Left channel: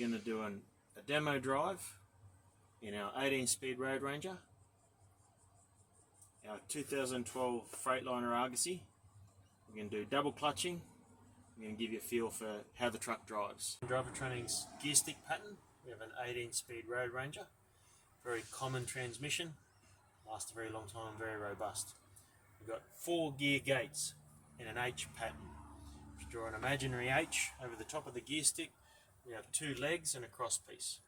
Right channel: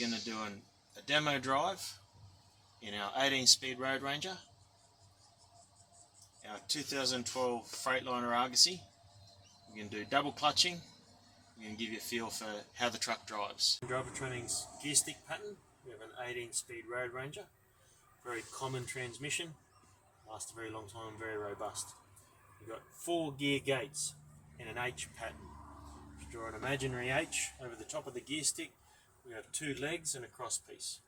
going to do a demo drive in our 18-speed Road Ranger, our 2012 Freightliner Argosy. We're going to do double clutching. We're going to give you a feel for how the truck drives. Drivetrain's gear stick pattern. We have an 18-speed Road Ranger. Very common transmission. Lasts a very long time, very robust. We've got 4 gear gates in an H pattern. If you draw an imaginary H over the top of the gear stick, we have 2 legs and a cross piece.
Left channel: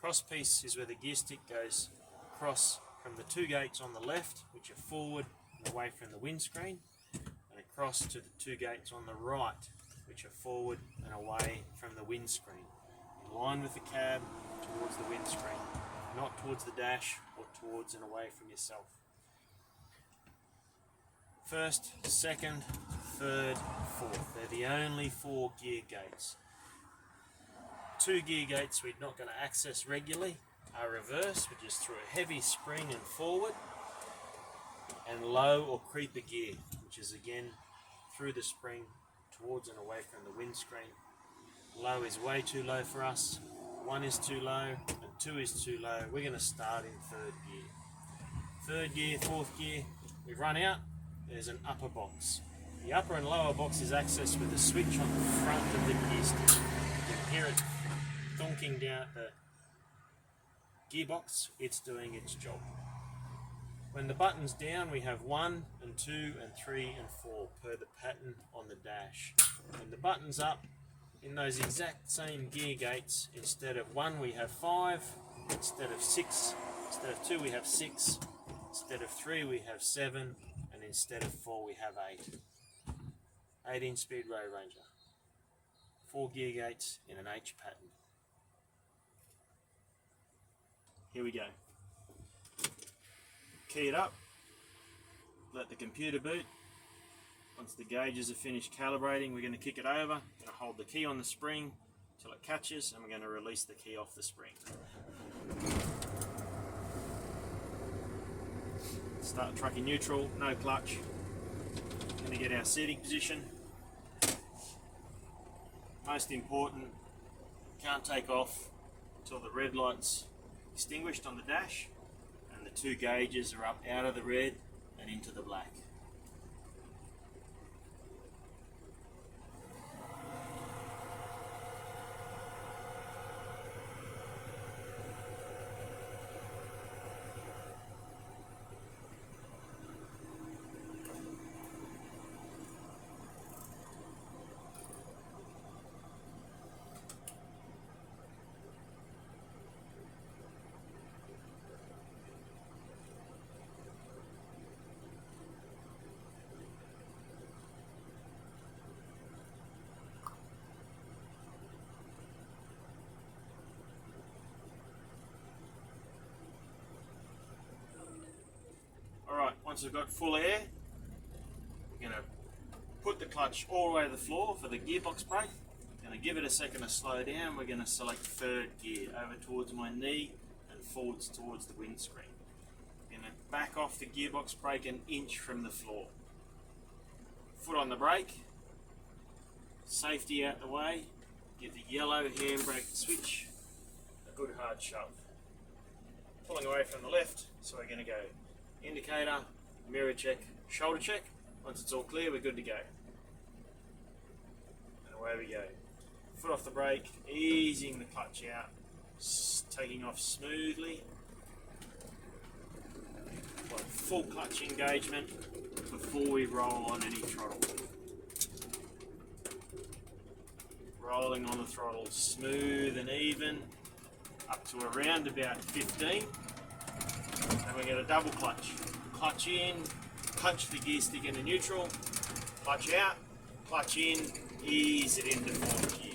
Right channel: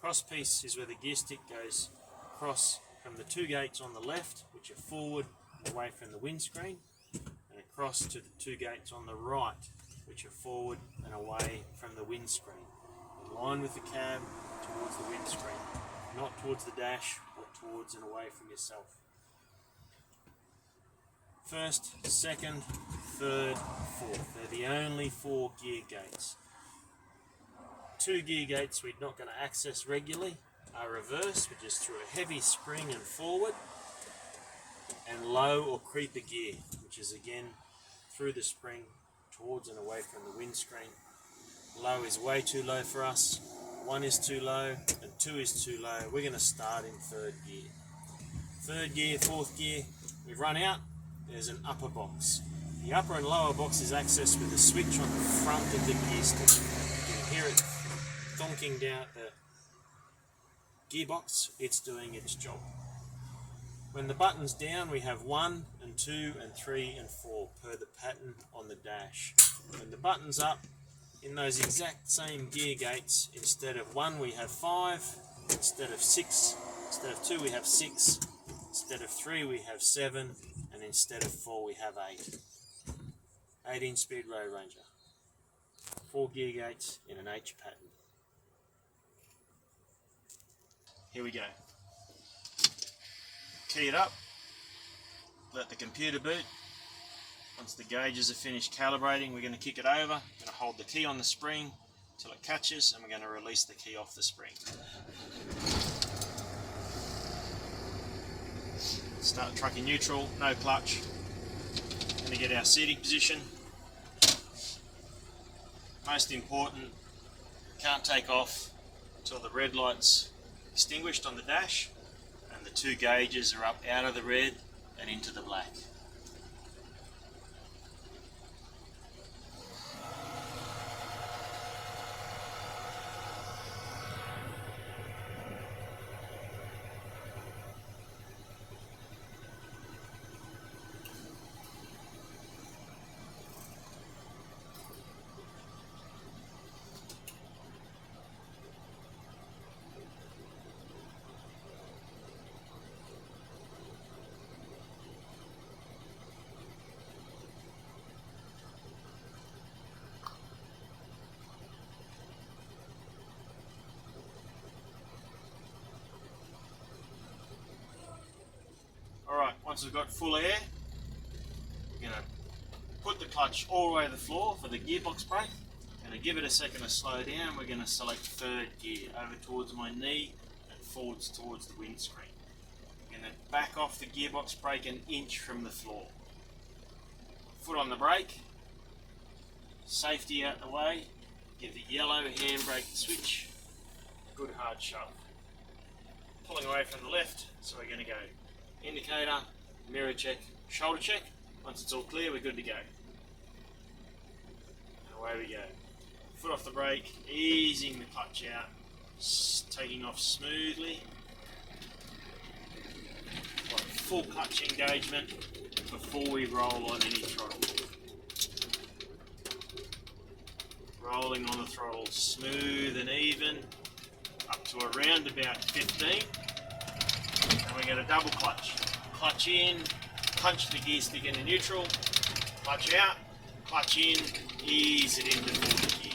Cross piece is where the gear stick goes across from the 2 gates on the left, which are forward and away from the windscreen, and across to the 2 gates on the right, which are forward and away from the windscreen, in line with the cab towards the windscreen, not towards the dash or towards and away from yourself. First, second, third, fourth. They're the only 4 gear gates. 2 gear gates we're not going to access regularly are reverse, which is through a heavy spring and forward, and low or creeper gear, which is again through the spring towards and away from the windscreen. Low is way too low for us, 1 is too low, and 2 is too low. We're going to start in 3rd gear. 3rd gear, 4th gear, we run out, there's an upper box. The upper and lower box is accessed with a switch on the front of the gear stick. You can hear it thonking down the gearbox. It's doing its job. When the button's down, we have 1 and 2 and 3 and 4 per the pattern on the dash. When the button's up, in those exact same gear gates, instead of 1 we have 5, instead of 6, instead of 2 we have 6, instead of 3 we have 7, and instead of 4 we have 8. 18-speed Road Ranger. 4 gear gates in an H pattern. Here we go. Key it up, let the computer boot. Once the gauges are finished calibrating, we're going to kick it over. We're going to hold the key on the spring until it catches, and we're going to release the key off the spring. Start truck in neutral, no clutch. Going to get our seating position. Most important, can't take off until the red light's extinguished on the dash and the 2 gauges are up out of the red and into the black. Alright, once we've got full air, we're going to put the clutch all the way to the floor for the gearbox brake. Going to give it a second to slow down. We're going to select 3rd gear over towards my knee and forwards towards the windscreen. We're going to back off the gearbox brake an inch from the floor. Foot on the brake, safety out the way, give the yellow handbrake switch a good hard shove. Pulling away from the left, so we're going to go indicator, mirror check, shoulder check. Once it's all clear, we're good to go. And away we go. Foot off the brake, easing the clutch out, taking off smoothly. Like full clutch engagement before we roll on any throttle. Rolling on the throttle smooth and even, up to around about 15. And we're going to double clutch. Clutch in, punch the gear stick into neutral, clutch out, clutch in, ease it into 4th gear.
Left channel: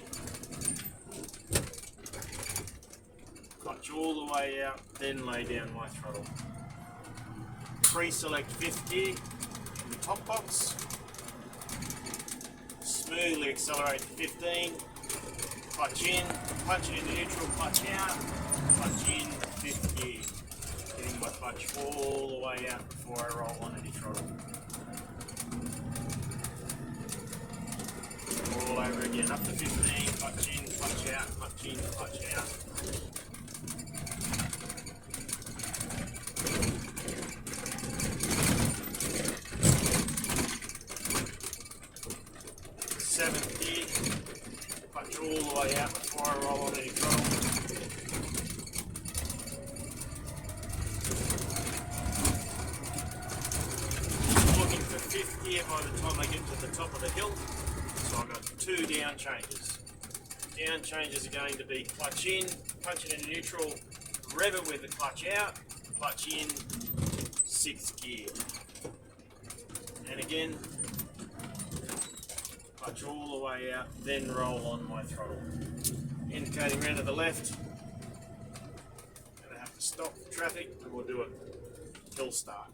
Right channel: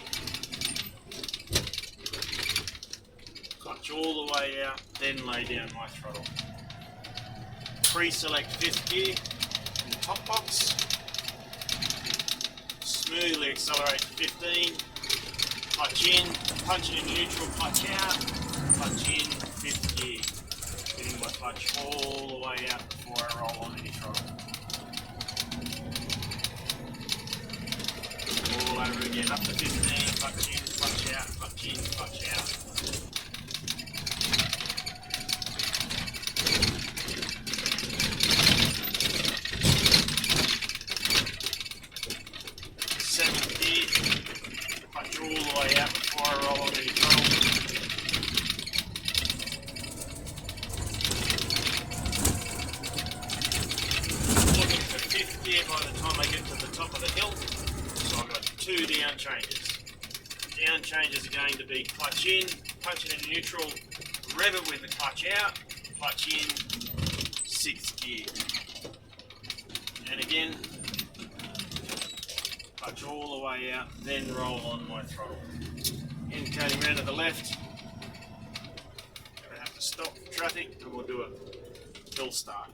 Clutch all the way out, then lay down my throttle. Pre-select 5th gear in the top box. Smoothly accelerate to 15. Clutch in, punch it into neutral, clutch out, clutch in, 5th gear. Getting my clutch all the way out before I roll on any throttle. All over again, up to 15, clutch in, clutch out, clutch in, clutch out. Seventh gear, clutch all the way out before I roll onto your throttle. Looking for fifth gear by the time I get to the top of the hill. So I've got 2 down changes. Down changes are going to be clutch in, punch it in neutral, rev it with the clutch out, clutch in, 6th gear. And again, clutch all the way out, then roll on my throttle. Indicating round to the left. Gonna have to stop for traffic and we'll do a hill start.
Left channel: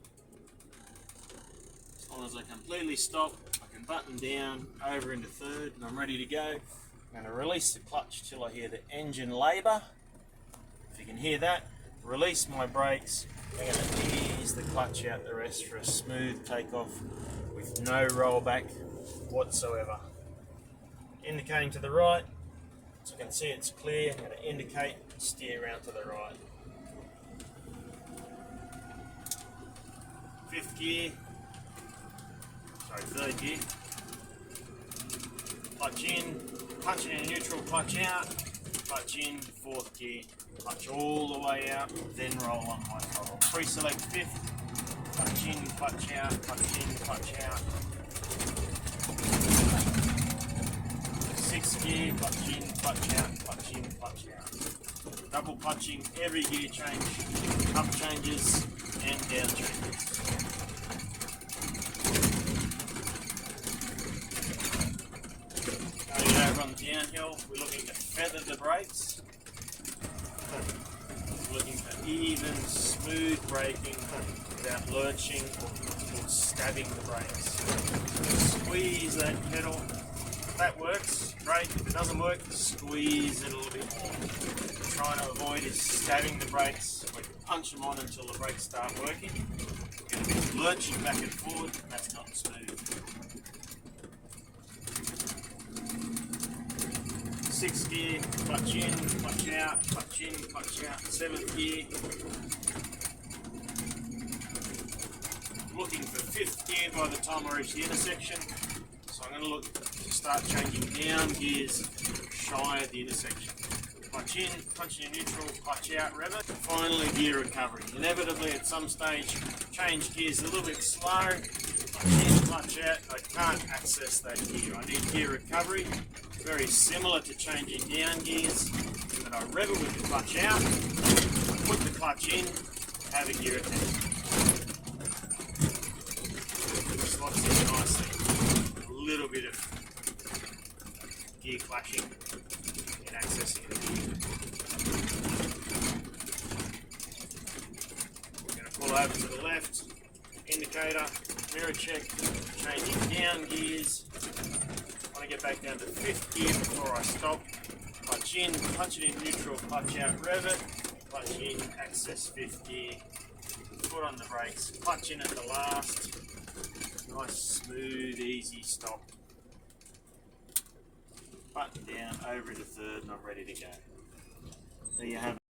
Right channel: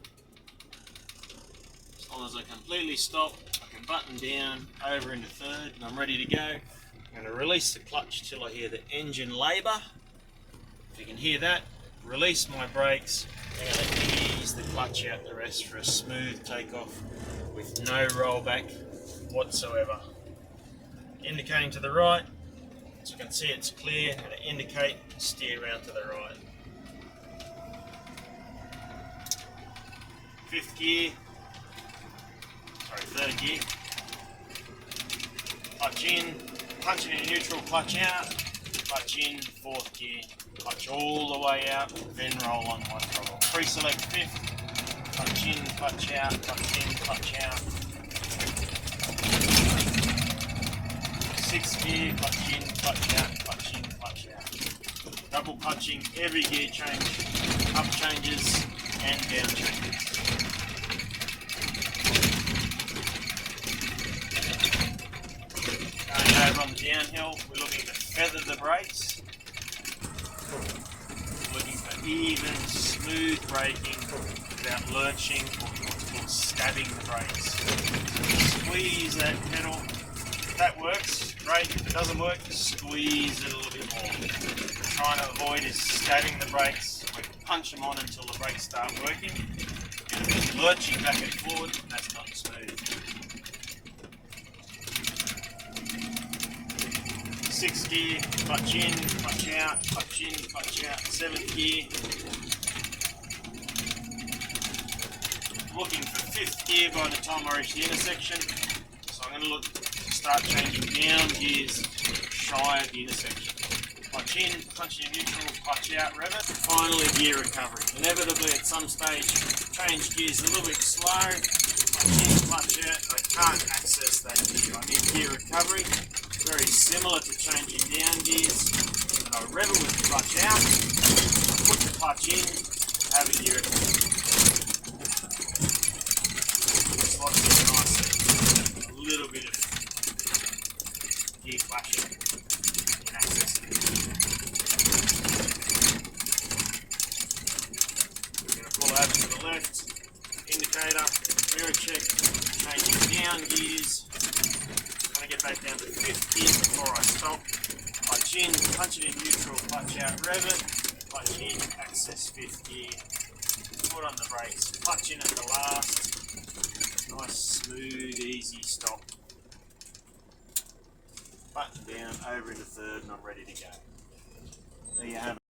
As long as I completely stop, I can button down over into third and I'm ready to go. I'm going to release the clutch till I hear the engine labour. If you can hear that, release my brakes. I'm going to ease the clutch out the rest for a smooth takeoff with no rollback whatsoever. Indicating to the right, so you can see it's clear. I'm going to indicate, steer around to the right. 5th gear, sorry, 3rd gear. Clutch in, punch it in neutral, clutch out, clutch in, 4th gear, clutch all the way out, then roll on my throttle. Pre-select 5th, clutch in, clutch out, clutch in, clutch out. 6th gear, clutch in, clutch out, clutch in, clutch out. Double clutching every gear change, up changes and down changes. Over on the downhill, we're looking to feather the brakes. We're looking for even, smooth braking without lurching or stabbing the brakes. Squeeze that pedal. If that works, great. If it doesn't work, squeeze it a little bit more. What we're trying to avoid is stabbing the brakes. We punch them on until the brakes start working. You're going to be lurching back and forward, and that's not smooth. 6th gear, clutch in, clutch out, clutch in, clutch out. 7th gear. Looking for 5th gear by the time I reach the intersection. So I'm going to look to start changing down gears shy of the intersection. Clutch in, punch in neutral, clutch out, rev it. Finally, gear recovery. Inevitably, at some stage, change gears a little bit slow. Clutch in, clutch out. I can't access that gear. I need gear recovery. Very similar to changing down gears, but I rev it with the clutch out, put the clutch in, have a gear recovery. Slots it nice, a little bit of gear flashing in accessing it. We're going to pull over to the left, indicator, mirror check, changing down gears. Get back down to 5th gear before I stop. Clutch in, punch it in neutral, clutch out, rev it, clutch in, access 5th gear, foot on the brakes, clutch in at the last, nice smooth easy stop. Button down, over into 3rd and I'm ready to go. There you have it.